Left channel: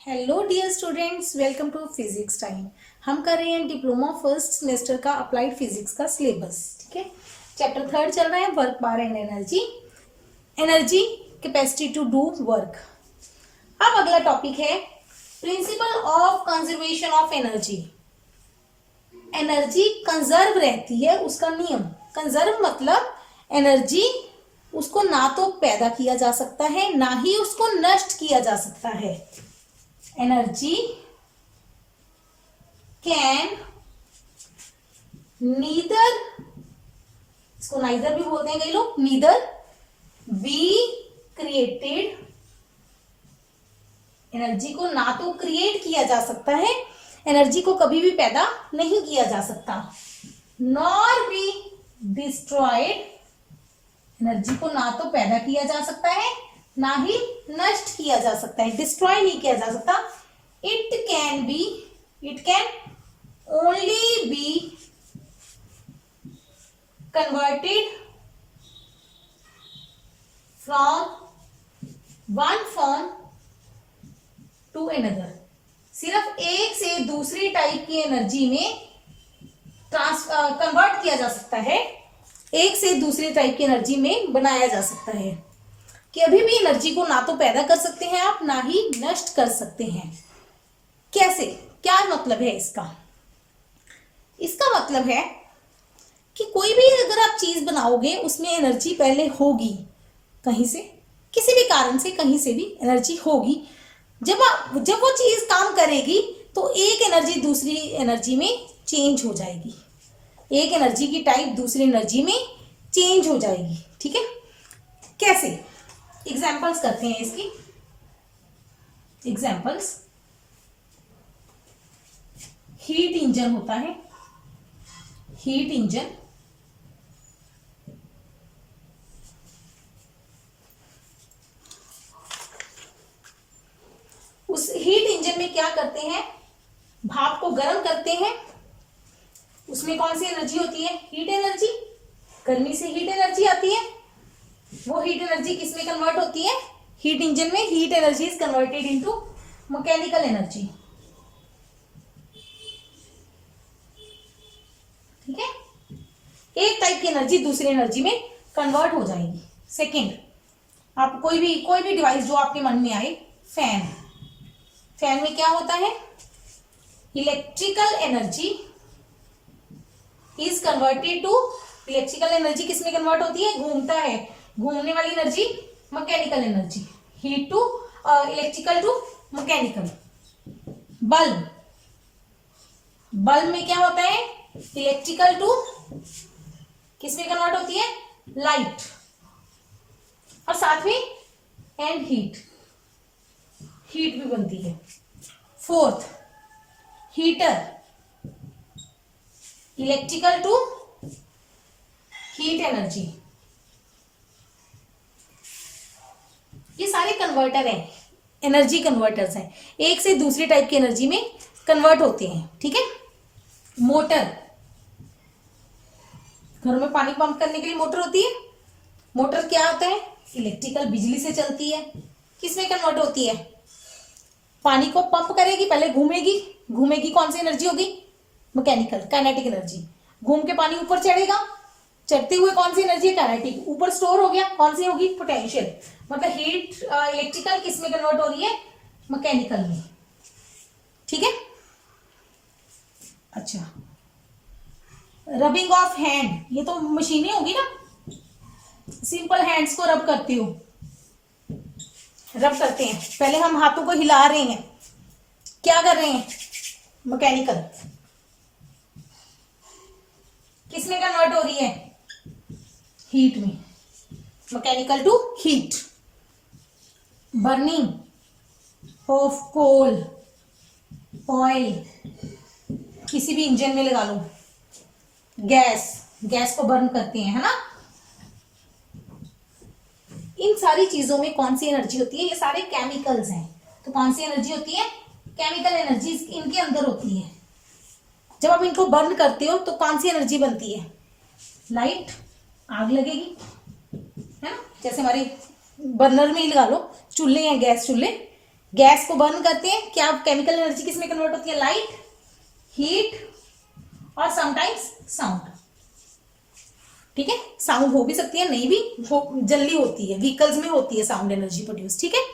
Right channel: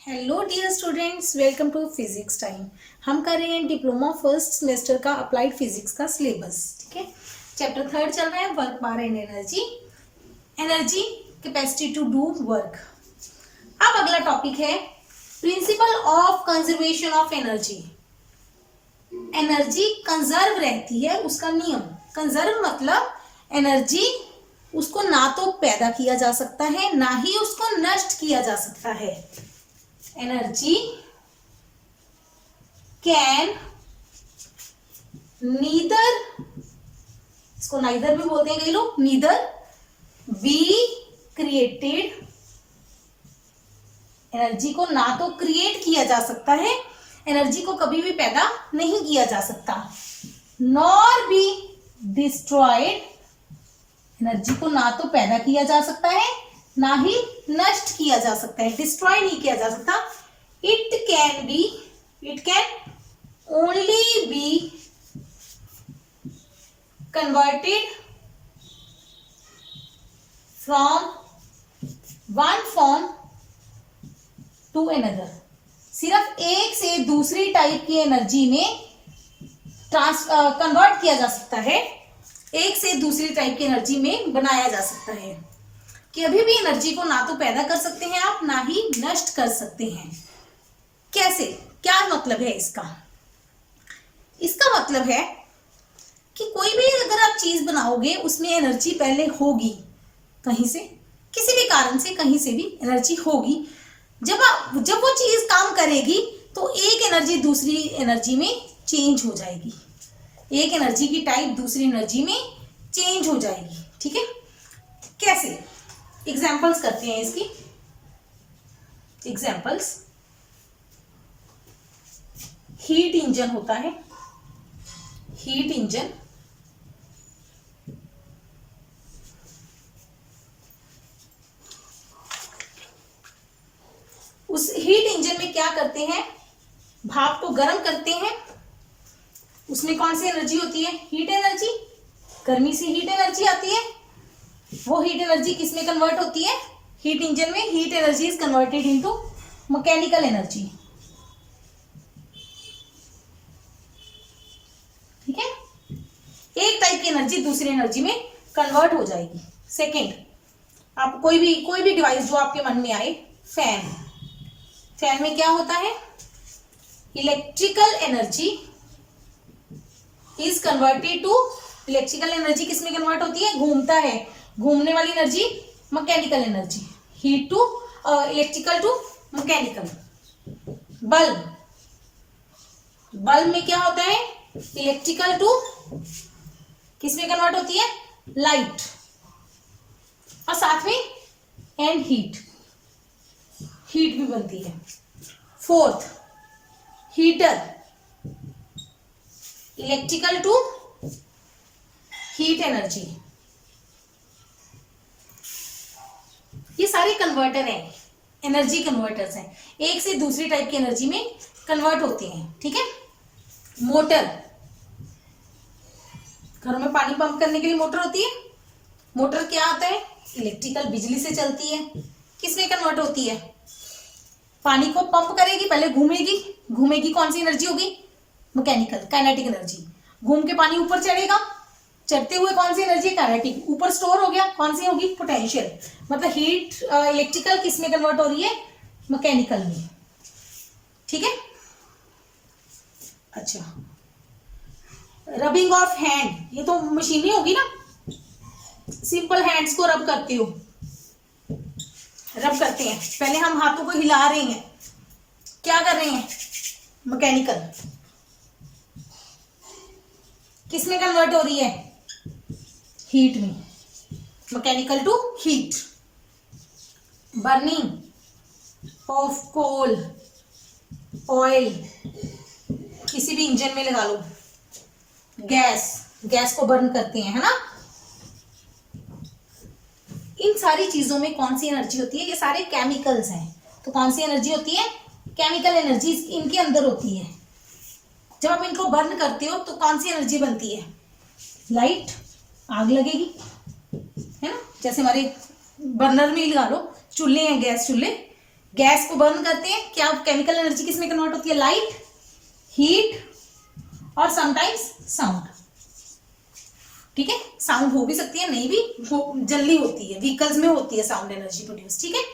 Hello dear students, welcome to physics time. हम कर रहे हैं डिप्लोमा फर्स्ट सेमेस्टर का अप्लाइड फिजिक्स का सिलेबस। ठीक है, चैप्टर 3 चल रहा है, वर्क बार and energy, energy capacity to do work. अब अगला टॉपिक है principle of conservation of energy. Energy conserve रहती है, उसका नियम। कंजर्व मतलब एनर्जी उसको ना तो पैदा किया जा सकता है, ना ही उसको नष्ट किया जा सकता है। एनर्जी कैन नीदर, इसको नाइदर भी बोलते हैं कई लोग, नीदर बी क्रिएटेड। एनर्जी को ना तो क्रिएट किया जा सकता है, एनर्जी को कभी भी पैदा नहीं किया जा सकता, नॉर बी डिस्ट्रॉयड। एनर्जी को ना तो पैदा किया जा सकता है, ना ही नष्ट किया जा सकता है, डिस्ट्रॉय नहीं किया जा सकता। It can only be converted from one form to another. सिर्फ एक से दूसरी टाइप की एनर्जी में कन्वर्ट किया जा सकता है, एक से दूसरी टाइप की एनर्जी में बनाया जा सकता है। कि अभी भी एनर्जी को ना तो पैदा कर सकते हैं आप, ना ही नष्ट कर सकते हैं। कैसे, क्या मतलब है इसका? इसका मतलब है कि कोई भी अगर आप चीज बनाओगे उसमें एनर्जी पहले होगी, कहीं से, किसी भी कारण से कहीं से भी एनर्जी होगी। जब वो चीज काम करेगी तो एक एनर्जी दूसरी एनर्जी में चेंज हो जाएगी, एक एनर्जी की टाइप दूसरी एनर्जी में चेंज हो जाएगी। ठीक है, कैसे? एग्जाम्पल्स करते हैं इसकी। एग्जाम्पल्स, हीट इंजन होता है, हीट इंजन उस हीट इंजन में क्या करते हैं, भाप को गर्म करते हैं। उसमें कौन सी एनर्जी होती है? Heat energy. गर्मी से हीट एनर्जी आती है, वो हीट एनर्जी किस में कन्वर्ट होती है? हीट इंजन में heat energy is converted into mechanical energy. ठीक है, एक टाइप की एनर्जी दूसरी एनर्जी में कन्वर्ट हो जाएगी। सेकंड, आप कोई भी डिवाइस जो आपके मन में आए, फैन। फैन में क्या होता है? Electrical energy is converted to, electrical energy किस में कन्वर्ट होती है? घूमता है, घूमने वाली energy mechanical energy. Heat to electrical to mechanical. Bulb, bulb में क्या होता है? इलेक्ट्रिकल टू किस में कन्वर्ट होती है? लाइट, और साथ में एंड हीट, हीट भी बनती है। Fourth, heater, electrical to heat energy. ये सारे कन्वर्टर हैं, एनर्जी कन्वर्टर्स हैं, एक से दूसरी टाइप की एनर्जी में कन्वर्ट होते हैं। ठीक है, मोटर, घर में पानी पंप करने के लिए मोटर होती है। मोटर क्या होता है? इलेक्ट्रिकल, बिजली से चलती है। किस में कन्वर्ट होती है? पानी को पंप करेगी, पहले घूमेगी, घूमेगी, कौन सी एनर्जी होगी? Mechanical, kinetic energy. घूम के पानी ऊपर चढ़ेगा, चढ़ते हुए कौन सी एनर्जी? काइनेटिक, ऊपर स्टोर हो गया, कौन सी होगी? पोटेंशियल। मतलब हीट इलेक्ट्रिकल किस में कन्वर्ट हो रही है? मैकेनिकल में। ठीक है, अच्छा, रबिंग ऑफ हैंड, ये तो मशीनें होगी ना, सिंपल हैंड्स को रब करते हो, रब करते हैं, पहले हम हाथों को हिला रहे हैं, क्या कर रहे हैं? मैकेनिकल। किस में कन्वर्ट हो रही है? हीट में, mechanical to heat. Burning of coal, oil, किसी भी इंजन में लगा लो, गैस, गैस को बर्न करते हैं, है ना। इन सारी चीजों में कौन सी एनर्जी होती है? ये सारे केमिकल्स हैं, तो कौन सी एनर्जी होती है? केमिकल एनर्जी इनके अंदर होती है। जब आप इनको बर्न करते हो तो कौन सी एनर्जी बनती है? लाइट, आग लगेगी, है ना। जैसे हमारे बर्नर में ही लगा लो, चूल्हे हैं, गैस चूल्हे, गैस को बर्न करते हैं, क्या केमिकल एनर्जी किस में कन्वर्ट होती है? लाइट, हीट और समटाइम्स साउंड। ठीक है, साउंड हो भी सकती है, नहीं भी जल्दी होती है, व्हीकल्स में होती है साउंड एनर्जी प्रोड्यूस। ठीक है,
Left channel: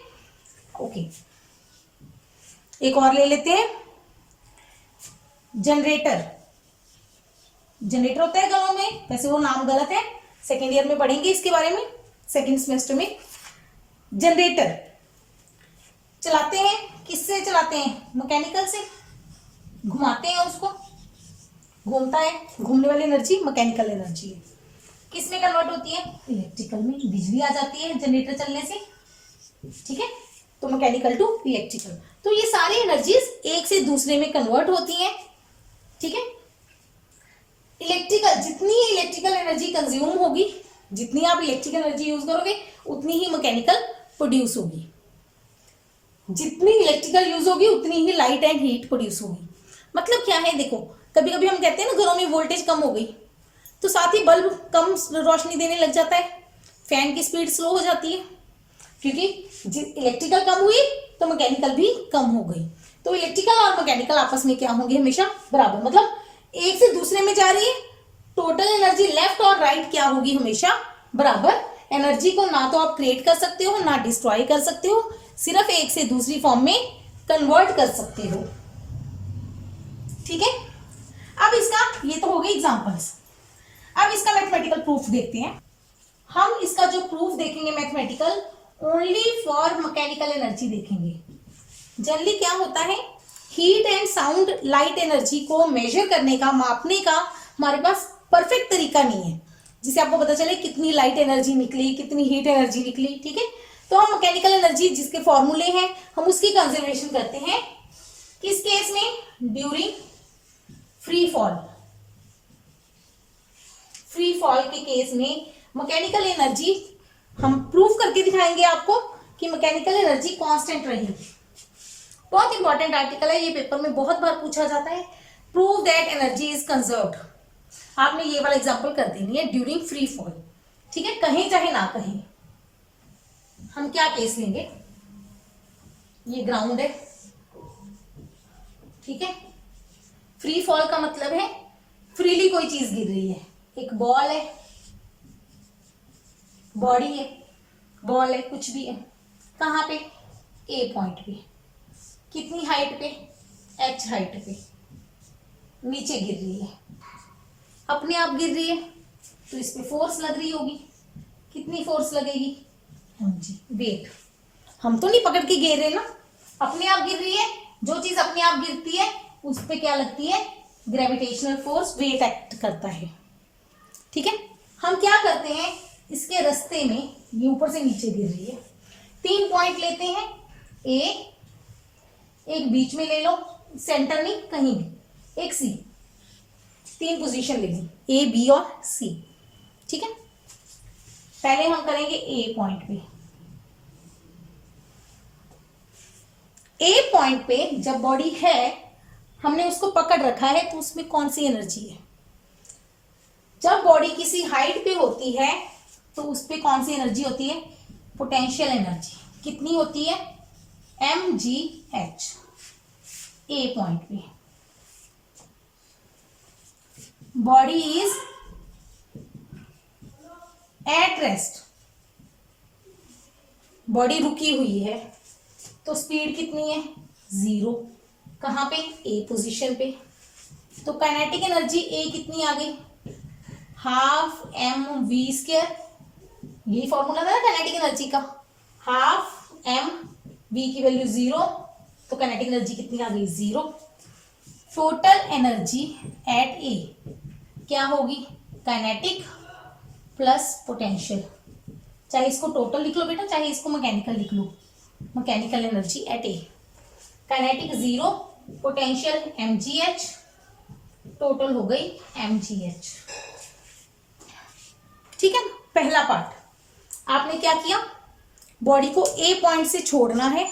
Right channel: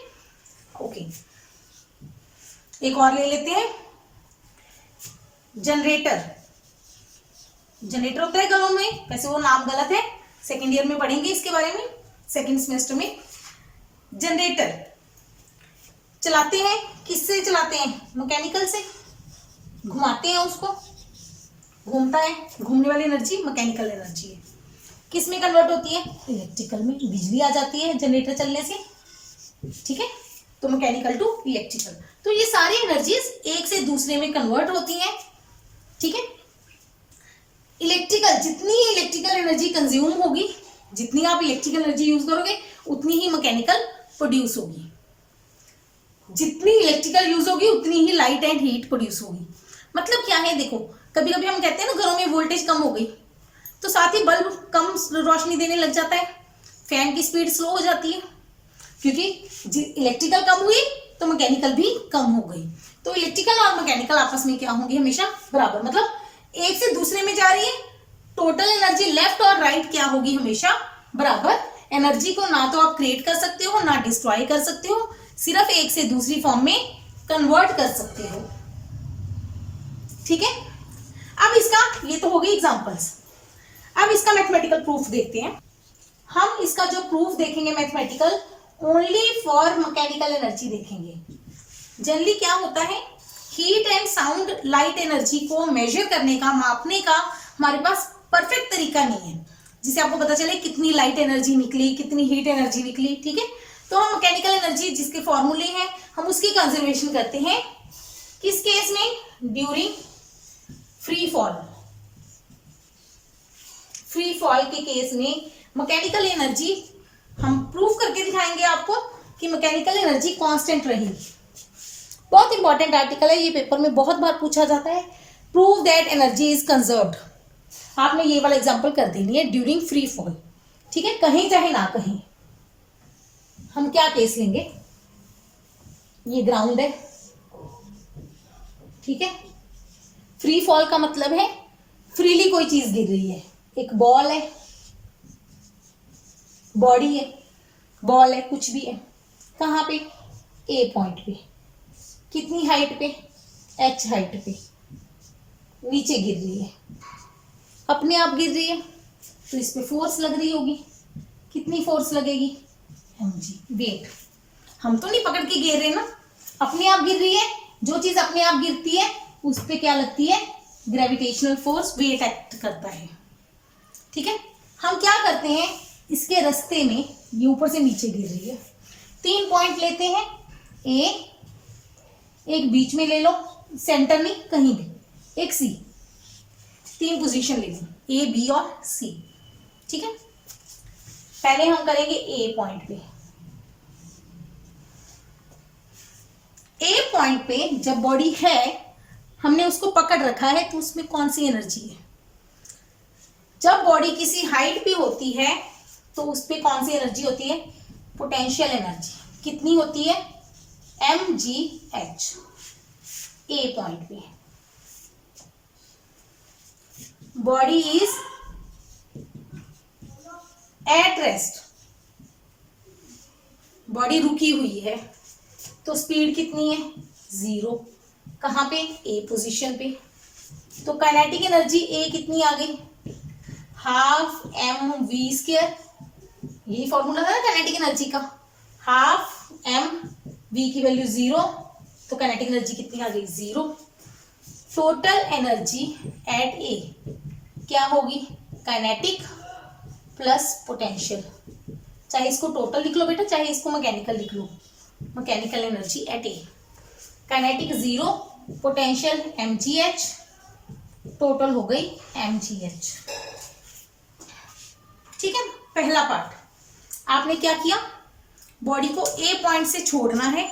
ओके। एक और ले लेते हैं, जनरेटर। जनरेटर होता है घरों में, वैसे वो नाम गलत है, सेकेंड ईयर में पढ़ेंगे इसके बारे में, सेकेंड सेमेस्टर में। जनरेटर चलाते हैं, किससे चलाते हैं? मैकेनिकल से, घुमाते हैं उसको, घूमता है, घूमने वाली एनर्जी मैकेनिकल एनर्जी है। किस में कन्वर्ट होती है? इलेक्ट्रिकल में, बिजली आ जाती है जनरेटर चलने से। ठीक है, तो मैकेनिकल टू इलेक्ट्रिकल। तो ये सारी एनर्जीज एक से दूसरे में कन्वर्ट होती हैं। ठीक है, इलेक्ट्रिकल, जितनी इलेक्ट्रिकल एनर्जी कंज्यूम होगी, जितनी आप इलेक्ट्रिकल एनर्जी यूज करोगे उतनी ही मैकेनिकल प्रोड्यूस होगी। जितनी इलेक्ट्रिकल यूज होगी उतनी ही लाइट एंड हीट प्रोड्यूस होगी। मतलब क्या है, देखो कभी कभी हम कहते हैं ना घरों में वोल्टेज कम हो गई, तो साथ ही बल्ब कम रोशनी देने लग जाता है, फैन की स्पीड स्लो हो जाती है, क्योंकि इलेक्ट्रिकल कम हुई तो मैकेनिकल भी कम हो गई। तो इलेक्ट्रिकल और मैकेनिकल आपस में क्या होंगे? हमेशा बराबर, मतलब एक से दूसरे में जा रही है। टोटल एनर्जी लेफ्ट और राइट क्या होगी? हमेशा बराबर। एनर्जी को ना तो आप क्रिएट कर सकते हो ना डिस्ट्रॉय कर सकते हो, सिर्फ एक से दूसरी फॉर्म में कन्वर्ट कर सकते हो। ठीक है, अब इसका, ये तो हो गई एग्जांपल्स। अब इसका मैथमेटिकल प्रूफ देखते हैं। हम इसका जो प्रूफ देखेंगे mathematical, only for mechanical energy देखेंगे। जनरली क्या होता है, heat and sound light energy को मेजर करने का, मापने का हमारे पास परफेक्ट तरीका नहीं है, जिससे आपको पता चले कितनी लाइट एनर्जी निकली, कितनी हीट एनर्जी निकली। ठीक है, तो हम मैकेनिकल एनर्जी जिसके फॉर्मूले हैं हम उसकी कंजर्वेशन करते हैं। किस केस में? During free fall. Free fall के केस में मैकेनिकल एनर्जी हम प्रूफ करके दिखाएंगे आपको कि मैकेनिकल एनर्जी कांस्टेंट रहेगी। बहुत इंपॉर्टेंट आर्टिकल है, ये पेपर में बहुत बार पूछा जाता है। Prove that energy is conserved. आपने ये वाला एग्जांपल कर देनी है, ड्यूरिंग फ्री फॉल। ठीक है, कहीं चाहे ना कहीं। हम क्या केस लेंगे? ये ग्राउंड है, ठीक है। फ्री फॉल का मतलब है फ्रीली कोई चीज गिर रही है। एक बॉल है, बॉडी है, बॉल है, कुछ भी है। कहाँ पे? ए पॉइंट पे। कितनी हाइट पे? एच हाइट पे नीचे गिर रही है, अपने आप गिर रही है, तो इस पे फोर्स लग रही होगी। कितनी फोर्स लगेगी? mg, weight. हम तो नहीं पकड़ के गिर रहे ना, अपने आप गिर रही है। जो चीज अपने आप गिरती है उस पे क्या लगती है? ग्रेविटेशनल फोर्स, वेट एक्ट करता है। ठीक है, हम क्या करते हैं, इसके रास्ते में ये ऊपर से नीचे गिर रही है, 3 पॉइंट लेते हैं। ए, एक बीच में ले लो, सेंटर नहीं कहीं भी, एक सी, 3 पोजीशन ले ली, ए बी और सी। ठीक है, पहले हम करेंगे ए पॉइंट पे। ए पॉइंट पे जब बॉडी है, हमने उसको पकड़ रखा है, तो उसमें कौन सी एनर्जी है? जब बॉडी किसी हाइट पे होती है तो उस पे कौन सी एनर्जी होती है? Potential energy. कितनी होती है? mgh। ए पॉइंट पे body is at rest, body रुकी हुई है, तो स्पीड कितनी है? 0। कहाँ पे? ए पोजीशन पे। तो काइनेटिक एनर्जी ए कितनी आ गई? Half mv²। यही फॉर्मूला था ना काइनेटिक एनर्जी का, हाफ mv की वैल्यू 0, तो काइनेटिक एनर्जी कितनी आ गई? 0। टोटल एनर्जी एट ए क्या होगी? Kinetic plus potential. चाहे इसको टोटल लिख लो बेटा, चाहे इसको मैकेनिकल लिख लो। Mechanical energy at A, kinetic 0, potential mgh, total हो गई mgh। ठीक है, पहला पार्ट आपने क्या किया? बॉडी को ए पॉइंट से छोड़ना है।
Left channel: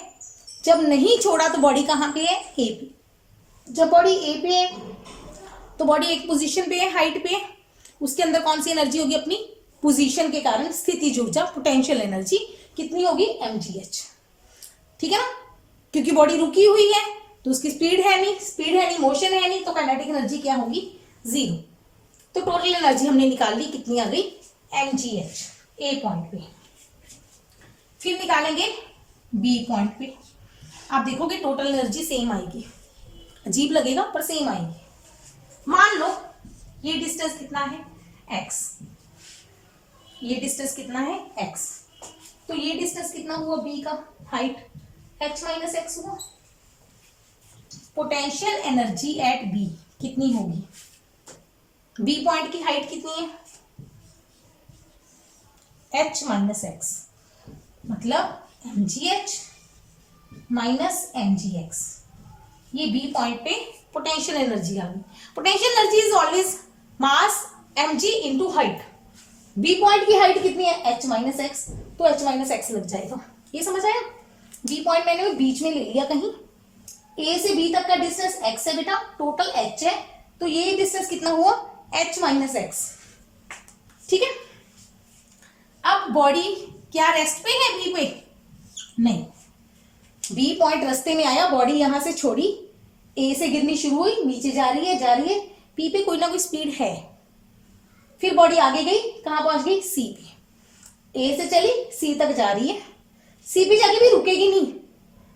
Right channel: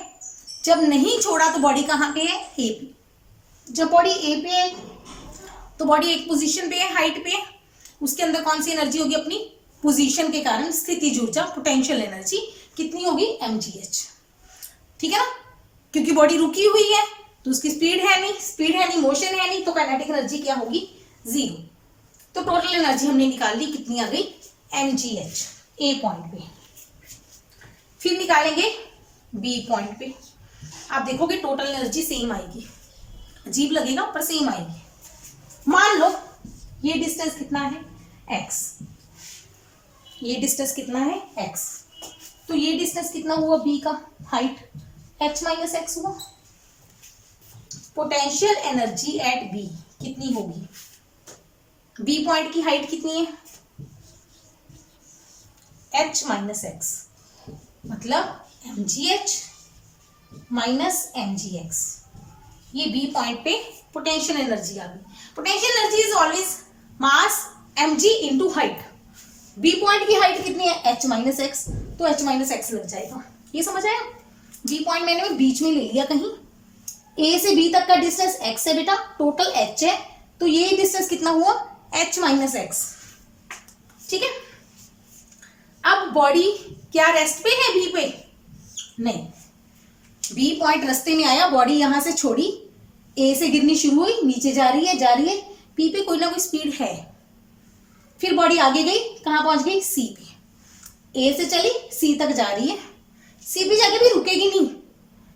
जब नहीं छोड़ा तो बॉडी कहाँ पे है? ए पे। जब बॉडी ए पे है तो बॉडी एक पोजीशन पे है, हाइट पे है, उसके अंदर कौन सी एनर्जी होगी? अपनी पोजीशन के कारण स्थितिज ऊर्जा, पोटेंशियल एनर्जी कितनी होगी? mgh। ठीक है ना, क्योंकि बॉडी रुकी हुई है तो उसकी स्पीड है नहीं, मोशन है नहीं, तो काइनेटिक एनर्जी क्या होगी, 0। तो टोटल एनर्जी हमने निकाल ली, कितनी आ गई, mgh ए पॉइंट पे। फिर निकालेंगे बी पॉइंट पे, आप देखोगे टोटल एनर्जी सेम आएगी, अजीब लगेगा पर सेम आएगी। मान लो ये डिस्टेंस कितना है, x, ये डिस्टेंस कितना है, x, तो ये डिस्टेंस कितना हुआ, b का हाइट h माइनस एक्स हुआ। पोटेंशियल एनर्जी एट b कितनी होगी, b पॉइंट की हाइट कितनी है, h माइनस एक्स, मतलब mgh माइनस mgx, ये b पॉइंट पे पोटेंशियल एनर्जी आ गई। Potential energy is always mass mg into height. b point की हाइट कितनी है, h माइनस एक्स, तो h माइनस एक्स लग जाएगा, ये समझ आया। b पॉइंट मैंने बीच में ले लिया कहीं, a से b तक का डिस्टेंस x है बेटा, टोटल h है, तो ये डिस्टेंस कितना हुआ, h माइनस एक्स, ठीक है। अब बॉडी क्या रेस्ट पे है b पे, नहीं, b पॉइंट रास्ते में आया, बॉडी यहां से छोड़ी, a से गिरनी शुरू हुई, नीचे जा रही है, p पे कोई ना कोई स्पीड है, फिर बॉडी आगे गई, कहां पहुंच गई, c पे, a से चली c तक जा रही है, c पे जाके भी रुकेगी नहीं,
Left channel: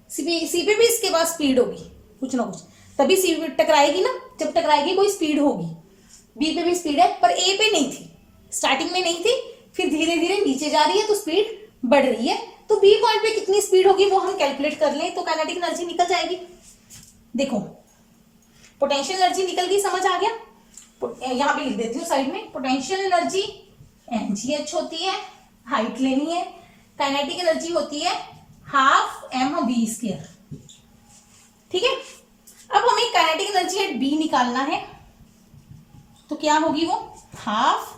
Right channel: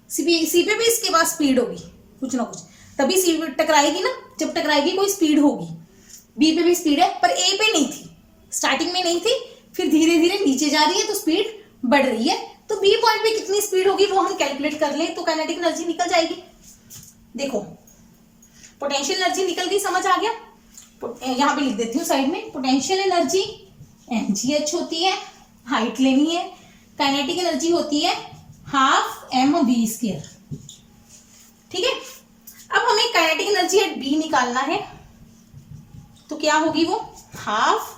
सी पे भी इसके बाद स्पीड होगी कुछ ना कुछ, तभी सी पे टकराएगी ना, जब टकराएगी कोई स्पीड होगी। बी पे भी स्पीड है पर ए पे नहीं थी, स्टार्टिंग में नहीं थी, फिर धीरे धीरे नीचे जा रही है तो स्पीड बढ़ रही है, तो बी पॉइंट पे कितनी स्पीड होगी वो हम कैलकुलेट कर लें तो काइनेटिक एनर्जी निकल जाएगी। देखो पोटेंशियल एनर्जी निकल गई, समझ आ गया, यहां पे लिख देती हूँ साइड में, पोटेंशियल एनर्जी mgh होती है, हाइट लेनी है, काइनेटिक एनर्जी होती है हाफ mv², ठीक है। अब हमें काइनेटिक एनर्जी एट बी निकालना है, तो क्या होगी वो, हाफ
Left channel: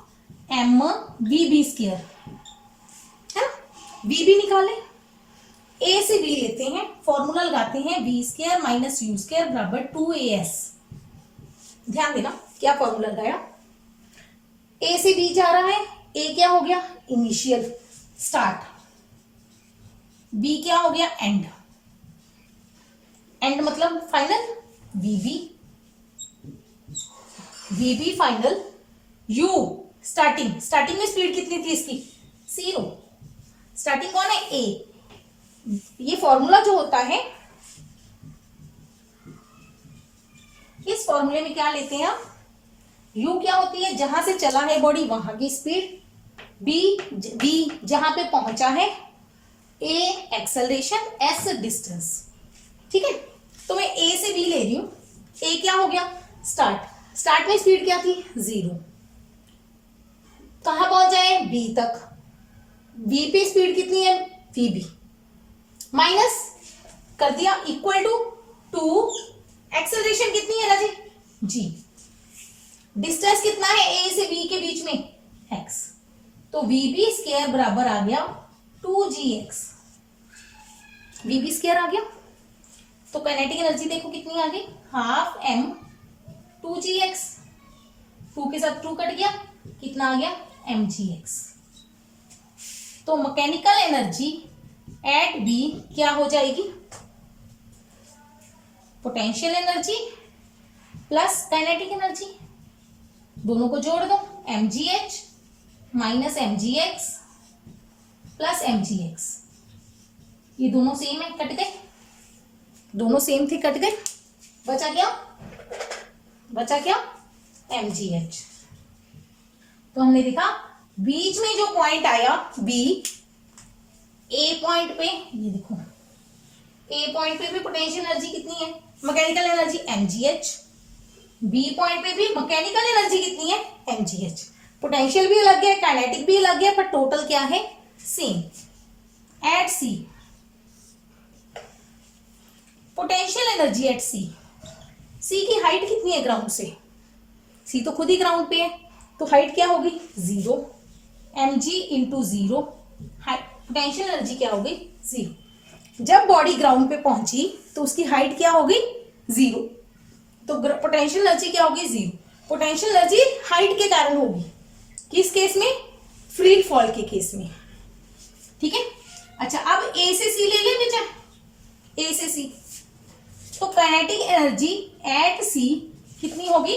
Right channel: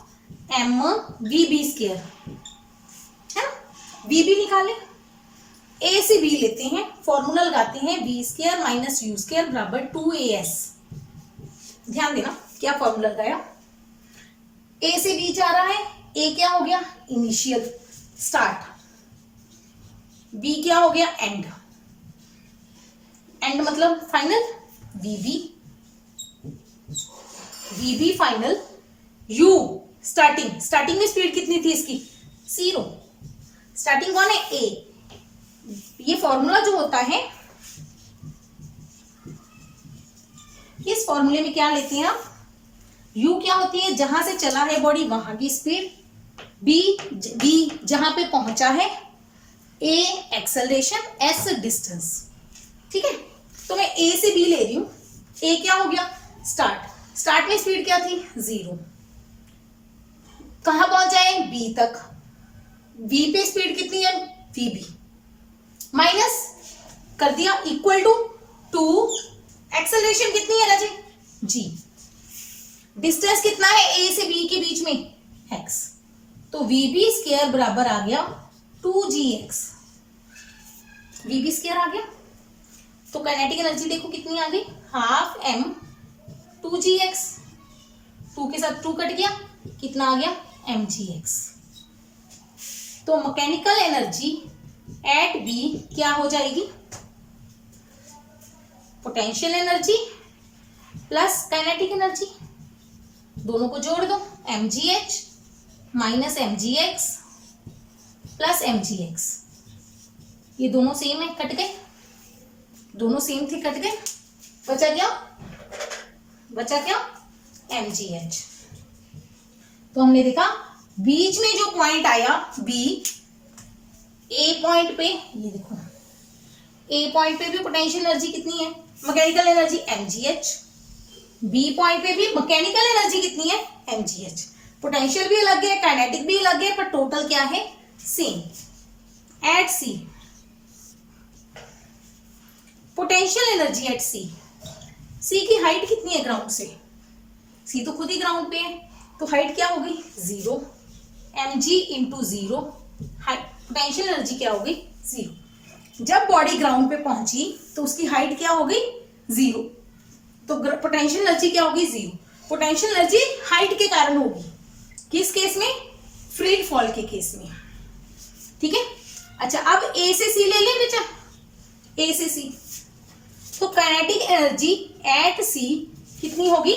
mvb², है ना, vb निकाले, a से b लेते हैं, फॉर्मूला लगाते हैं, v² माइनस u² बराबर 2as। ध्यान देना क्या फॉर्मूला लगाया, a से b जा रहा है, a क्या हो गया, इनिशियल स्टार्ट, b क्या हो गया, एंड, एंड मतलब final, vb final, u starting, starting में स्पीड कितनी थी इसकी, 0, स्टार्टिंग कौन है, a। ये फॉर्मूला जो होता है, इस फॉर्मूले में क्या लेते हैं हम, u क्या होती है, जहां से चला है बॉडी वहां की स्पीड, b जहां पे पहुंचा है, a एक्सेलरेशन, s डिस्टेंस, ठीक है। तो मैं a से b ले रही हूं, a क्या हो गया, स्टार्ट, स्टार्ट में स्पीड क्या थी, 0, कहां पहुंच जाए, b तक, b पे स्पीड कितनी है, vb, माइनस कर दिया, इक्वल टू 2, एक्सेलरेशन कितनी है राजे, g, डिस्टेंस कितना है a से b के बीच में, x, तो vb² बराबर आ गया 2gx, vb² आ गया, तो काइनेटिक एनर्जी देखो कितनी आ गई, हाफ m 2gx, 2 के साथ 2 कट गया, कितना आ गया, mgx। तो मैकेनिकल एनर्जी एट b क्या हो जाएगी, potential energy plus kinetic energy, दोनों को जोड़ दो, mgh minus mgx plus mgx, ये दोनों सेम है, कट गए, दोनों सेम थे, कट गए, बचा क्या mgh। तो हमने देखा बीच में जो पॉइंट आया b, a पॉइंट पे, ये देखो a पॉइंट पे भी पोटेंशियल एनर्जी कितनी है, mechanical energy mgh, b point पे भी मैकेनिकल एनर्जी कितनी है, mgh, पोटेंशियल भी अलग है, काइनेटिक भी अलग है, पर टोटल क्या है, same. At c, potential energy at c, c की हाइट कितनी है ग्राउंड से, c तो खुद ही ग्राउंड पे है, तो हाइट क्या होगी, 0, mg इंटू 0, पोटेंशियल एनर्जी क्या होगी, 0। जब बॉडी ग्राउंड पे पहुंची तो उसकी हाइट क्या होगी, 0, तो पोटेंशियल एनर्जी क्या होगी, 0। पोटेंशियल एनर्जी हाइट के कारण होगी, किस केस में, फ्री फॉल के केस में, ठीक है। अच्छा अब a से c ले ले बेटा, ए से सी। तो काइनेटिक एनर्जी एट सी कितनी होगी,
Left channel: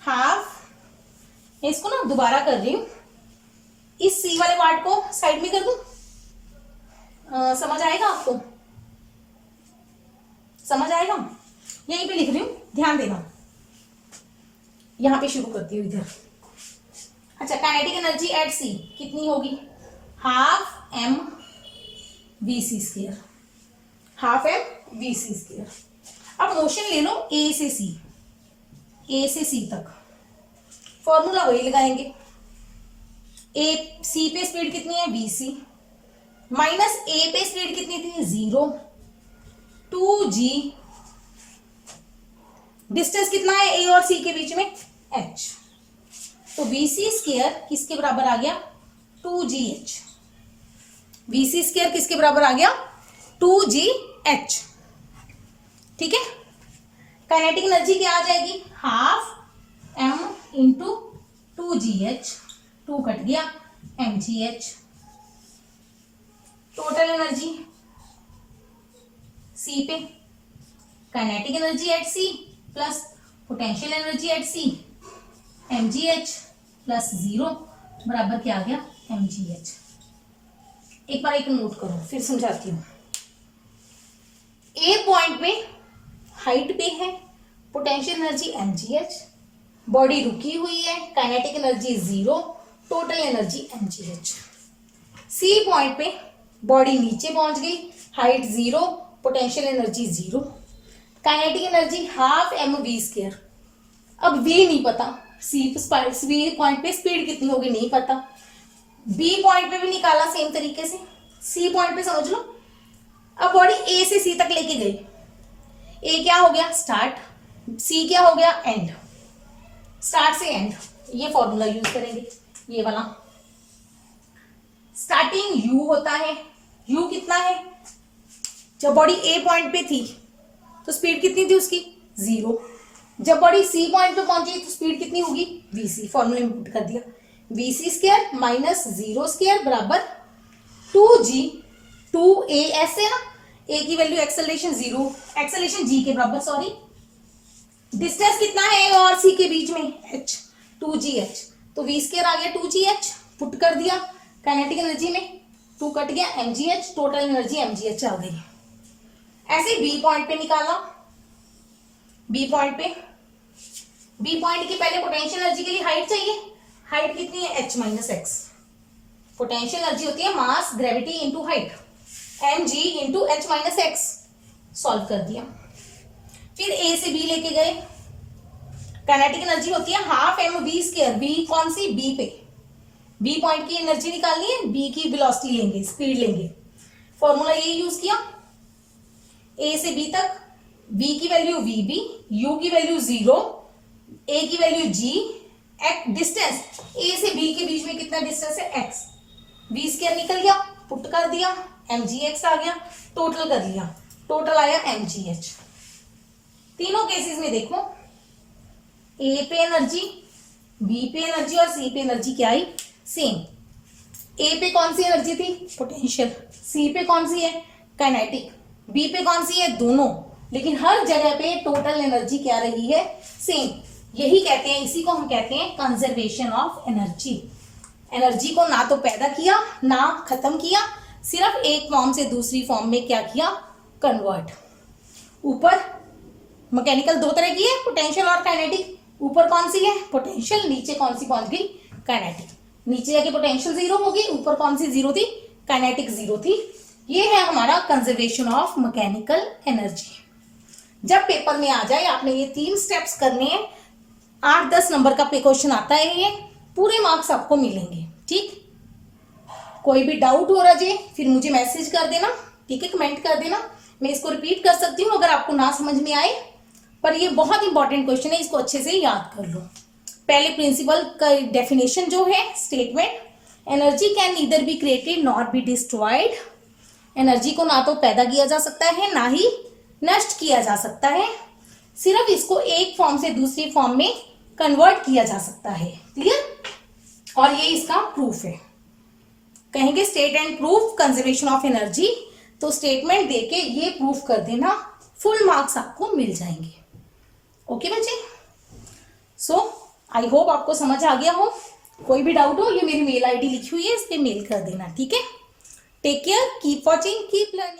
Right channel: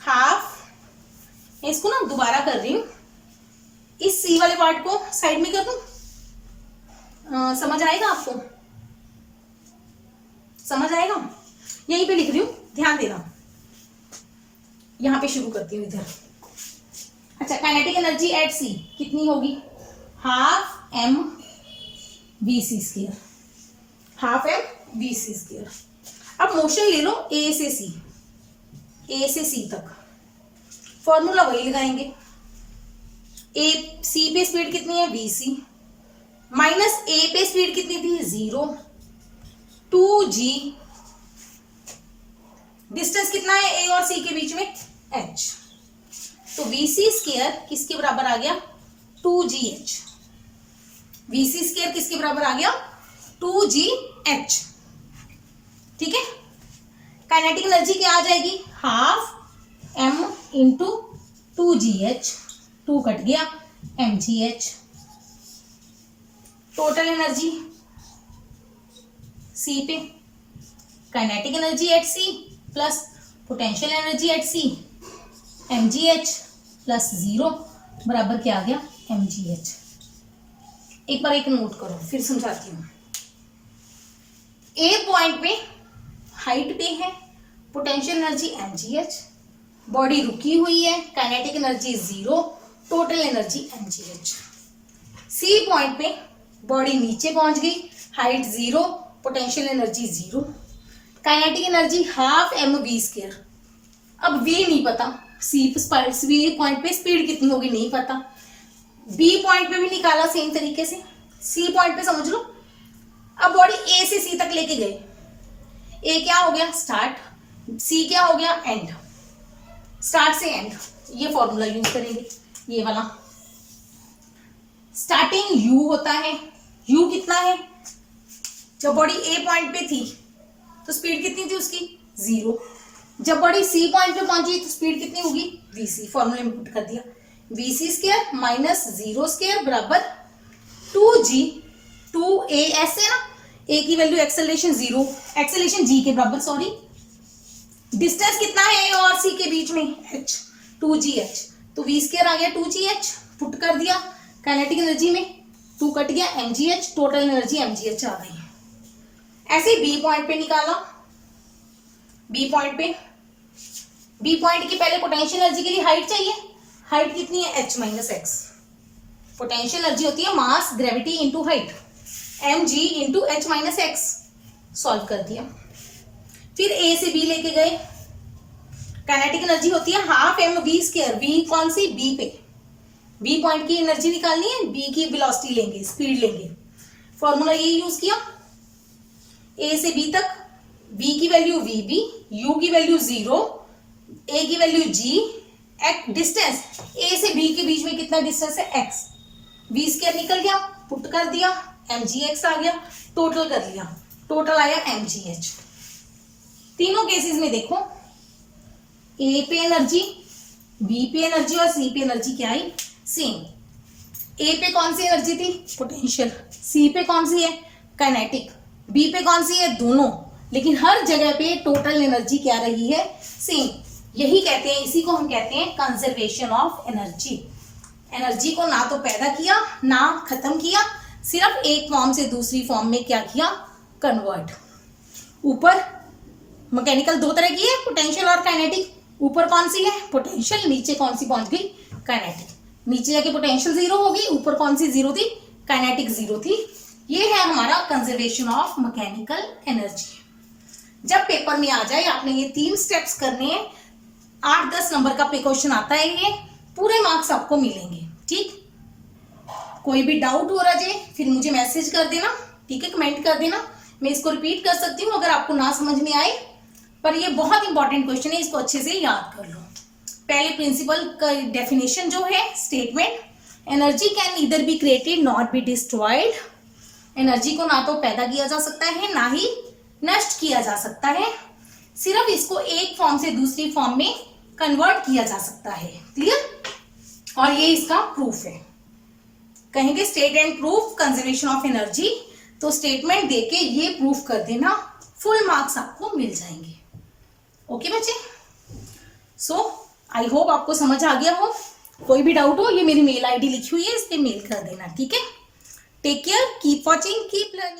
हाफ। इसको ना दोबारा कर रही हूं, इस सी वाले पार्ट को साइड में कर दूं, समझ आएगा आपको, समझ आएगा। यहीं पे लिख रही हूं, ध्यान देना, यहां पे शुरू करती हूं इधर। अच्छा, काइनेटिक एनर्जी एट सी कितनी होगी, half M V C square, half M V C square. अब मोशन ले लो ए से सी, ए से सी तक, फॉर्मूला वही लगाएंगे। ए सी पे स्पीड कितनी है, वी सी, माइनस ए पे स्पीड कितनी थी, 0, 2g, डिस्टेंस कितना है ए और सी के बीच में, h। तो वी सी स्क्वायर किसके बराबर आ गया, 2gh। वी सी स्क्वायर किसके बराबर आ गया, 2gh। ठीक है, काइनेटिक एनर्जी क्या आ जाएगी, half m into 2gh, 2 cut गया, mgh। टोटल एनर्जी सी पे, kinetic energy at C plus potential energy at C, mgh plus 0 बराबर क्या आ गया, mgh। एक बार एक नोट करो, फिर समझाती हूं। ए पॉइंट पे हाइट पे है, पोटेंशियल एनर्जी mgh, बॉडी रुकी हुई है, kinetic energy 0, total energy mgh। C point पे बॉडी नीचे पहुंच गई, height 0, potential energy 0, kinetic energy half M V square. अब वी नहीं पता, सी पॉइंट पे स्पीड कितनी होगी नहीं पता, बी पॉइंट पे भी निकाला सेम तरीके से, सी पॉइंट पे समझ लो। अब बॉडी ए से सी तक लेके गए, ए क्या हो गया, स्टार्ट, सी क्या हो गया, एंड। स्टार्ट से एंड, ये फॉर्मूला यूज करेंगे, ये वाला। स्टार्टिंग यू होता है, यू कितना है, जब बॉडी ए पॉइंट पे थी तो स्पीड कितनी थी उसकी, 0। जब बॉडी सी पॉइंट पे पहुंची तो स्पीड कितनी होगी, वी सी। फॉर्मूला में पुट कर दिया, V C square minus 0 square बराबर 2g, 2a ऐसे ना, a की वैल्यू एक्सेलरेशन 0, एक्सेलरेशन g के बराबर, सॉरी। डिस्टेंस कितना है ए और सी के बीच में, h, 2gh। तो v स्क्वायर आ गया 2gh, पुट कर दिया काइनेटिक एनर्जी में, 2 कट गया, mgh, टोटल एनर्जी mgh आ गई। ऐसे बी पॉइंट पे निकाला, बी पॉइंट पे, बी पॉइंट की पहले पोटेंशियल एनर्जी के लिए हाइट चाहिए, हाइट कितनी है, h minus x. Potential energy होती है mass gravity into height, mg into H minus x. Solve कर दिया, फिर ए से बी लेके गए, काइनेटिक एनर्जी होती है half M V square, V कौन सी, बी पे, बी पॉइंट की एनर्जी निकालनी है, बी की वेलोसिटी लेंगे, स्पीड लेंगे, फॉर्मूला ये यूज किया। ए से बी तक v की वैल्यू vb, u की वैल्यू 0, a की वैल्यू g, डिस्टेंस a से b के बीच में कितना डिस्टेंस है, x। v स्क्वायर निकल गया, पुट कर दिया, mgx आ गया, टोटल कर लिया, टोटल आया mgh। तीनों केसेस में देखो, a पे एनर्जी, b पे एनर्जी और c पे एनर्जी क्या आई, सेम। a पे कौन सी एनर्जी थी, पोटेंशियल, c पे कौन सी है, काइनेटिक, b पे कौन सी है, दोनों, लेकिन हर जगह पे टोटल एनर्जी क्या रही है, सेम। यही कहते हैं, इसी को हम कहते हैं कंजर्वेशन ऑफ एनर्जी। एनर्जी को ना तो पैदा किया ना खत्म किया, सिर्फ एक फॉर्म से दूसरी फॉर्म में क्या किया, कन्वर्ट। ऊपर मैकेनिकल दो तरह की है, पोटेंशियल और काइनेटिक। ऊपर कौन सी है, पोटेंशियल, नीचे कौन सी पहुंच गई, काइनेटिक। नीचे जाके पोटेंशियल 0 होगी, ऊपर कौन सी 0 थी, काइनेटिक 0 थी। ये है हमारा कंजर्वेशन ऑफ मैकेनिकल एनर्जी। जब पेपर में आ जाए आपने ये 3 स्टेप्स करने हैं, 8-10 नंबर का क्वेश्चन आता है, ये पूरे मार्क्स आपको मिलेंगे। ठीक, कोई भी डाउट हो रहा है फिर मुझे मैसेज कर देना, ठीक है, कमेंट कर देना, मैं इसको रिपीट कर सकती हूँ अगर आपको ना समझ में आए। पर ये बहुत इंपॉर्टेंट क्वेश्चन है, इसको अच्छे से याद कर लो। पहले प्रिंसिपल का डेफिनेशन जो है, statement, energy can neither be created not be destroyed. Energy को ना तो पैदा किया जा सकता है ना ही नष्ट किया जा सकता है, सिर्फ इसको एक फॉर्म से दूसरी फॉर्म में कन्वर्ट किया जा सकता है। क्लियर, और ये इसका प्रूफ है। कहेंगे state and proof conservation of energy तो स्टेटमेंट देके ये प्रूफ कर देना, फुल मार्क्स आपको मिल जाएंगे। ओके बच्चे, सो आई होप आपको समझ आ गया हो। कोई भी डाउट हो, ये मेरी मेल आईडी लिखी हुई है, इस पे मेल कर देना, ठीक है। Take care, keep watching, keep learning.